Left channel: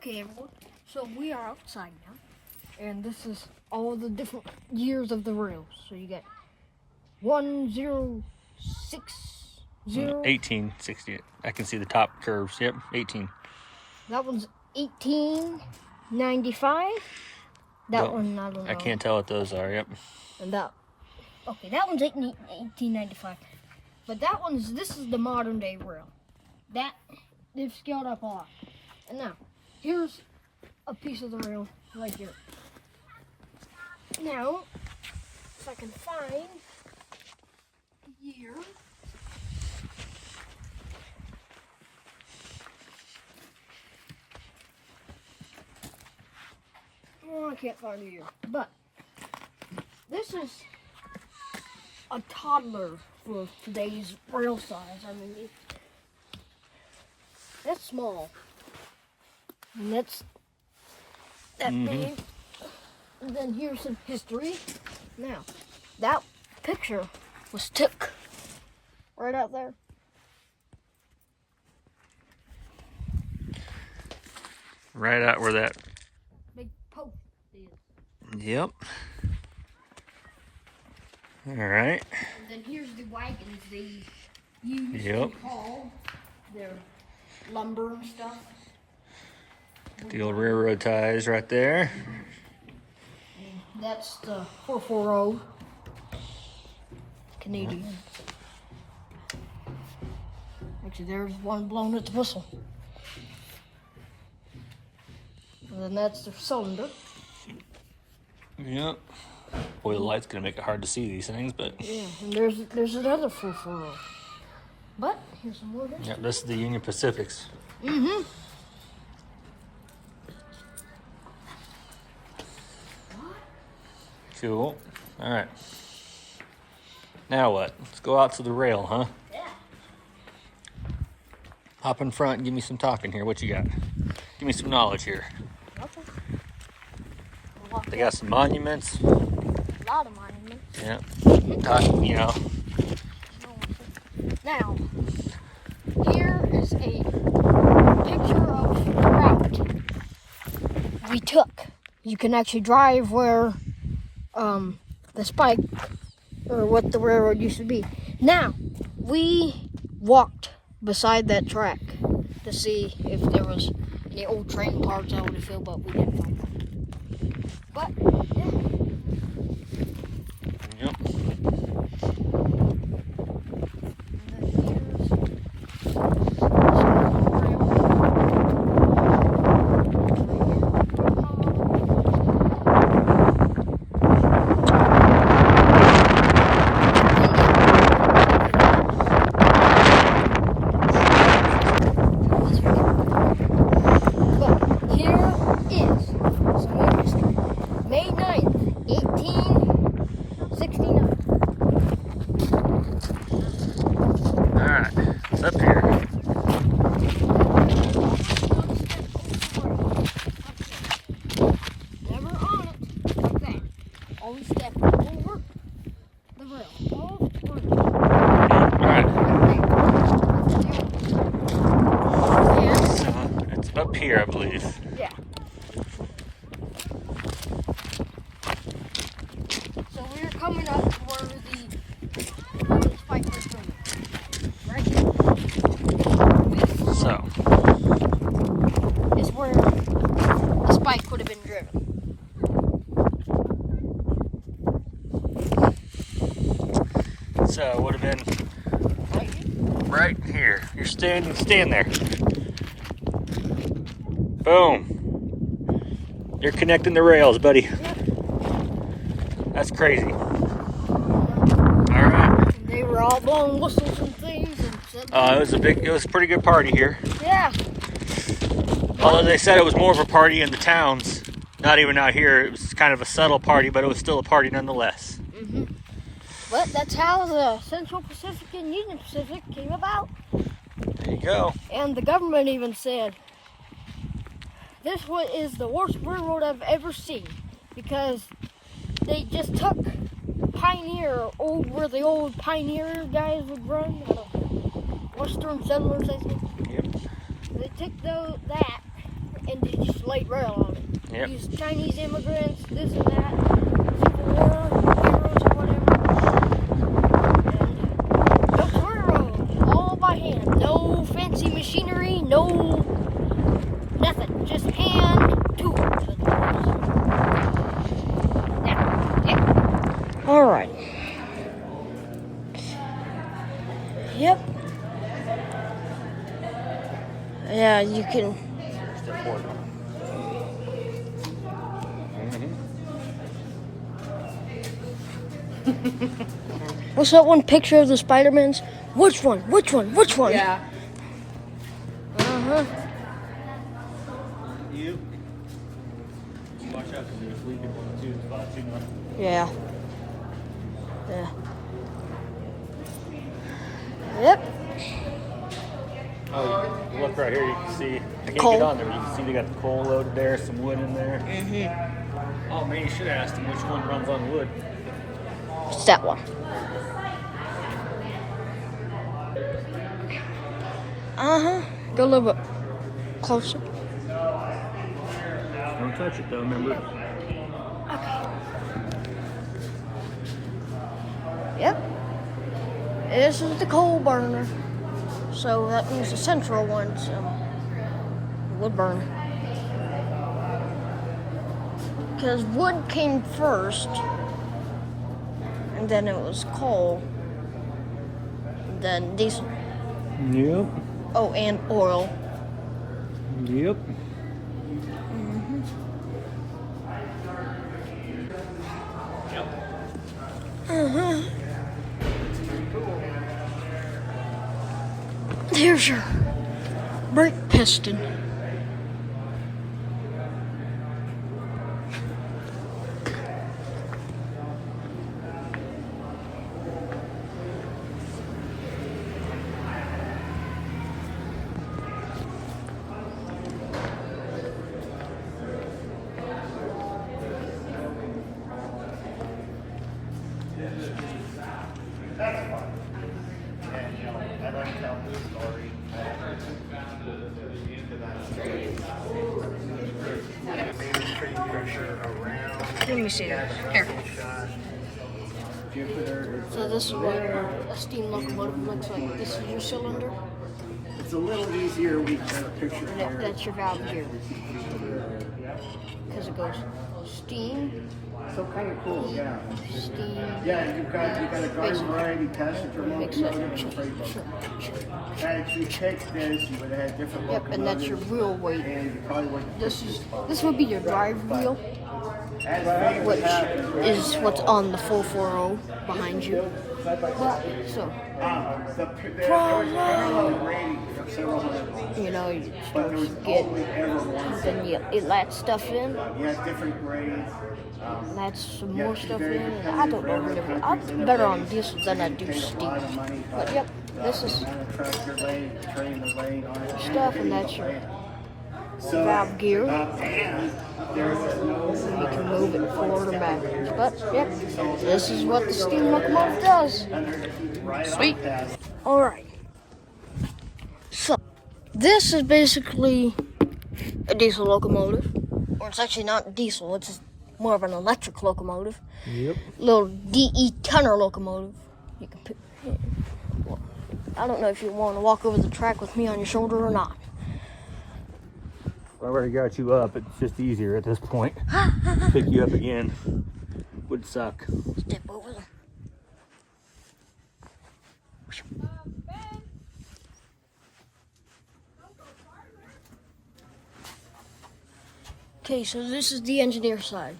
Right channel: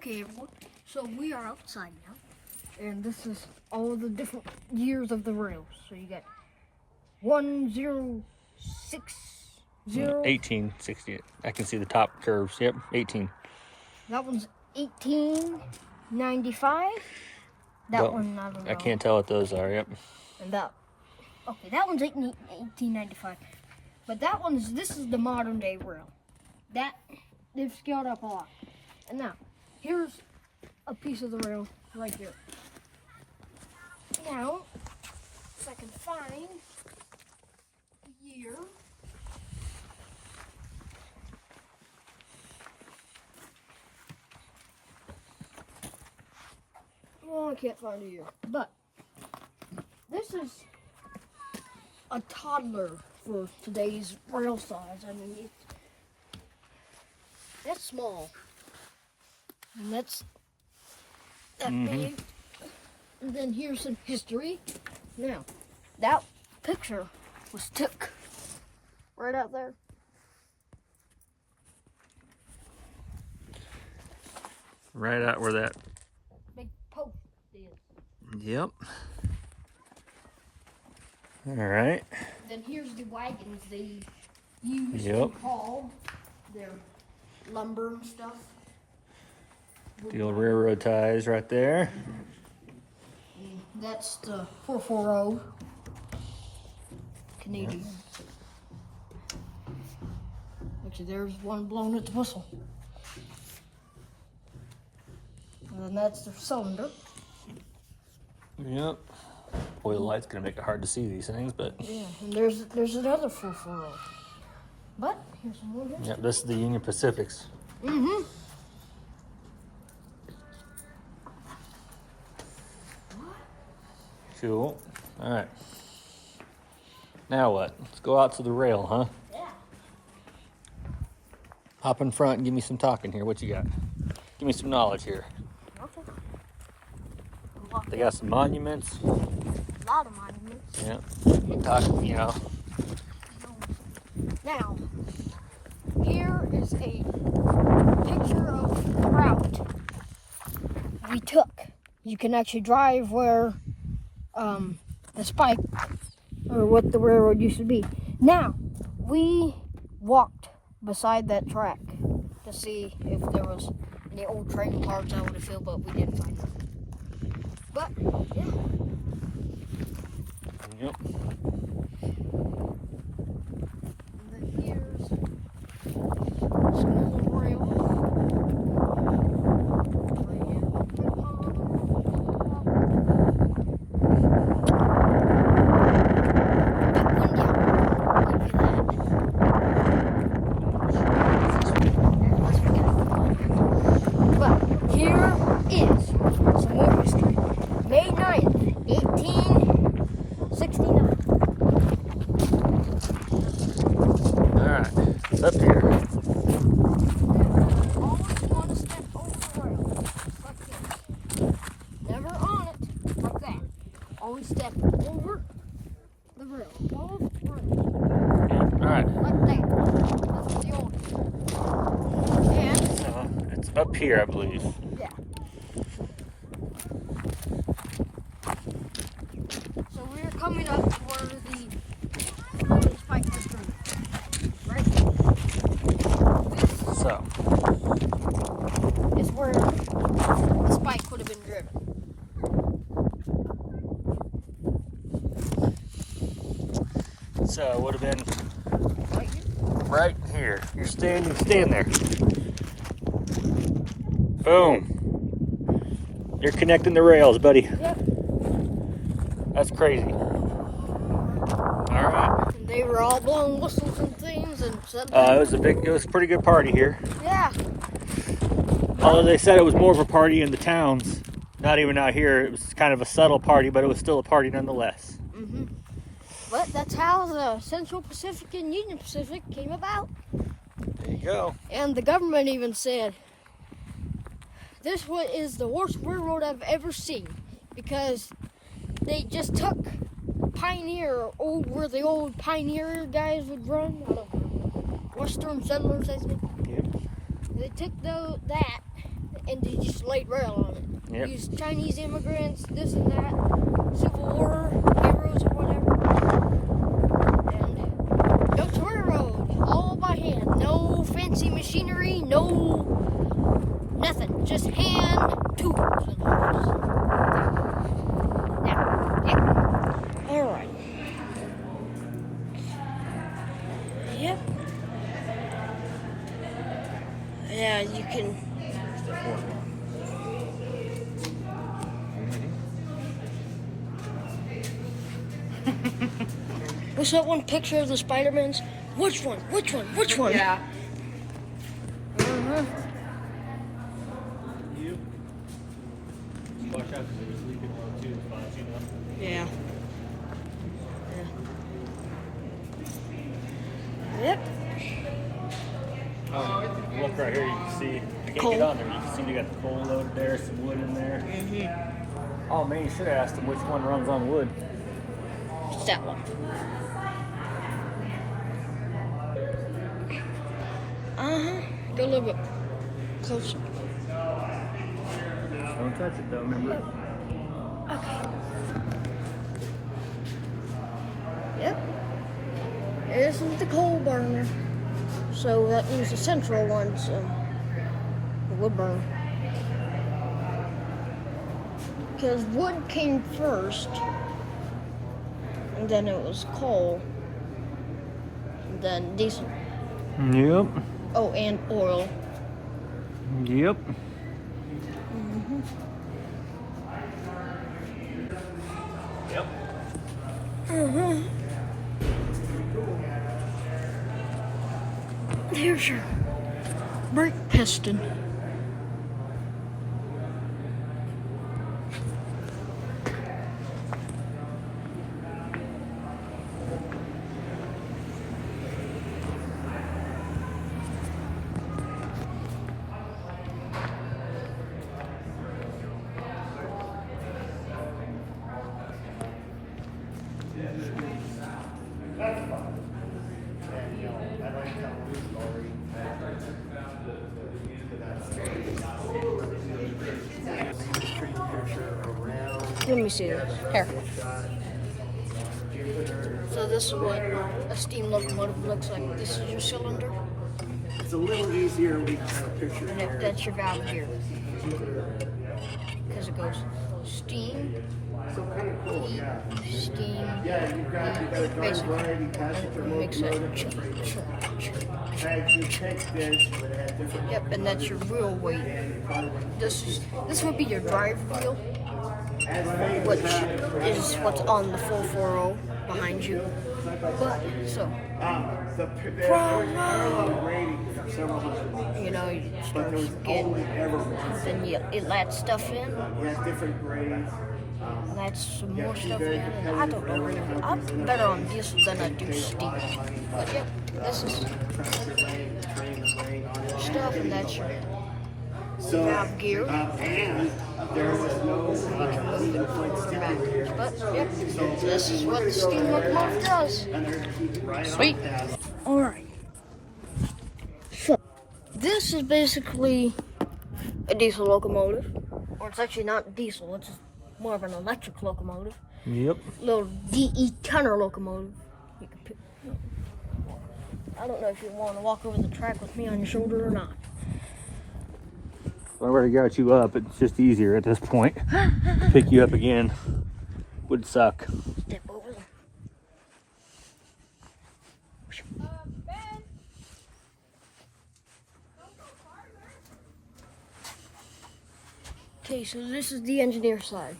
Okay, everyone. So we are outside now, and this is all the different years of the rails. So you got 1060. 1860. I can see the top curves. Yep, 18. That one's 1895. That one, I don't know. I can't tell what those are. Yep. And that one's 1895. But this is the modern day rail. That, they've scaled up a lot. And now, here's a piece of the rail right here. Now, if I can find the year. Oh, I can't find the year. But this is a toddler for today's rail size. I mean, that's small. And that's that big. And then here's some history. Now, that picture was took right out there. Right out where that Big post is. Yep. All right. And then here's the wagons they use Yep. to haul their lumber and stuff. The old railroad ties right there. And that's the 440 Canadian. Yep. Actually, there's one blown at the whistle. And then that's the cylinder. Yep. Boy, the light's gonna make it hard to see these things, but Yeah, and there's another 440. But here's some more here. yep, this is the Union Pacifics. Mm-hmm. Cool. All right. Now what? Let's go out to the rail, huh? Yeah. Hop in front and give me some talking here. What you got? Give me some knowledge here. Okay. They got some monuments. A lot of monuments. Yeah. Talk, you know. Now, here is a picture of the route we took. You can actually drive where the spike, or what the railroad used to be. Now, we walked beside that track to see if there was any old train cars out of the field, but we didn't find them. But, yeah. Yep. And then here's some more rail. But here is some more history. May 9th, 1869. All right. It's up here. Never on it, like that. Always step over the rail. Over it. All right. Like that. So it's up here, I believe. Yeah. So we're coming up where the spike was coming. Right? So It's where the spike would have been driven. it would have been right here. You're stand there. Boom. You're connecting the rails, buddy. Yep. That's crazy. All right. And they were all blowing whistles and things and stuff. It was a pretty good party here. Yeah. Although they said it was more of a party in the towns, not even out here. It was kind of a subtle party, but it was still a party nonetheless. Mm-hmm. But that's how the Central Pacific and Union Pacific came about. There you go. And the government even said, this is the worst railroad I've ever seen, because they just took Pioneer, where the old Pioneer guys would run, out of Western settlers, I think. Yep. They took that and they just laid rail on it. Yep. Used Chinese immigrants, this and that, Civil War, railroads or whatever. And built the railroad all by hand. No fancy machinery, no nothing. Just hand tools. All right. Yep. Yeah, you can. What's that one picture of the Spider-Mans? Which one? Which one? Which one? Yeah. Uh-huh. You watch out because there's leaking one too. Spots, you know. Yeah. Yeah. Yep. Oh, you look right here. You can see. I can't Coal. get on there. You can see they got the coal loaded there, some wood in there. Mm-hmm. Oh man, you should have asked him which one runs on wood. It's that one. Uh-huh. Go a little bit closer. Don't touch it though. Remember. Okay. Yep. This is the coal burner. So that means the central one's wood burner. Because wood came first, and then it was coal, and then diesel. Yep. Oh, and oil. Yep. Mm-hmm. Yep. Uh-huh. Here's your brake piston. Let me see this. Here. So this is what a steam locomotive looks like. This is your cylinder. It's a little easier we can picture And here. that's your valve gear. Because it goes steam, So kind of cool, yeah. steam, Yeah, you've got a garden variety test for mix it. locomotive and freight locomotive. As you take this, you would add different Yep, and that's your wheel weight. and you probably want This would be your drive wheel, which is what's on the 440 behind you. But so the parallel rating for several hundred. you know, you But start there's to get, always ever one. then you let stuff in. You have different grades. That's some more stuff in. And I don't know whatever. I'm better on diesel than I do steam. But yep, this is stuff, and that's your valve gear. And there was no You can move it forward or back. But yep, this is what the steam locomotive does. Sweet. Alright. So, this is basically a diesel locomotive. Or it's actually not diesel, it's just more of an electric locomotive. Yep. Little DE tonner locomotive. You can pick, well, I don't know if you want to walk over the track with me on your shoulder or not. I already got you up. It's just easier at this point. Pick you up again would suck. Step over there. Okay, so this is the engineer side.